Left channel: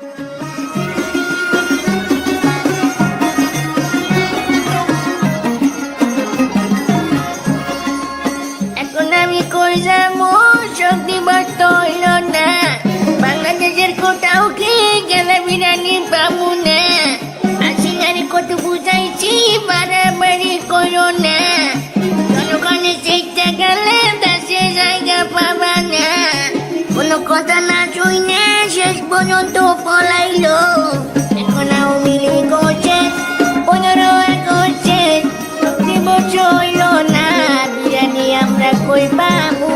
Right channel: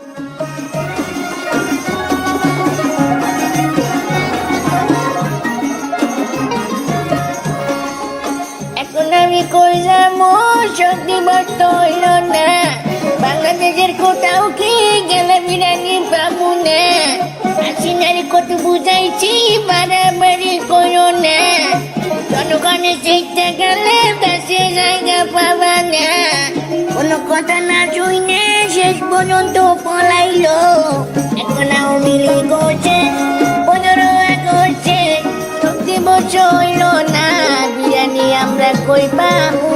এখন আমি কই যাবো, শক্তি বস্ত হইল না। বাংলাদেশের কোথাও কি গেলে বিরিয়ানি পাবো না। আসিনারি কত বুঝাইছি, বাড়াবাড়ি করো না। জনগণের চেষ্টা গেলে দেশে জায়গা পাবা না। কোনো কথা না শুনে শেষ পর্যন্ত পলাইলো। এখন আওয়ামী লীগ করছে, 15 আগস্টে শক্তি বস্ত হইল না। বিরিয়ানি আমরা কই পাবো।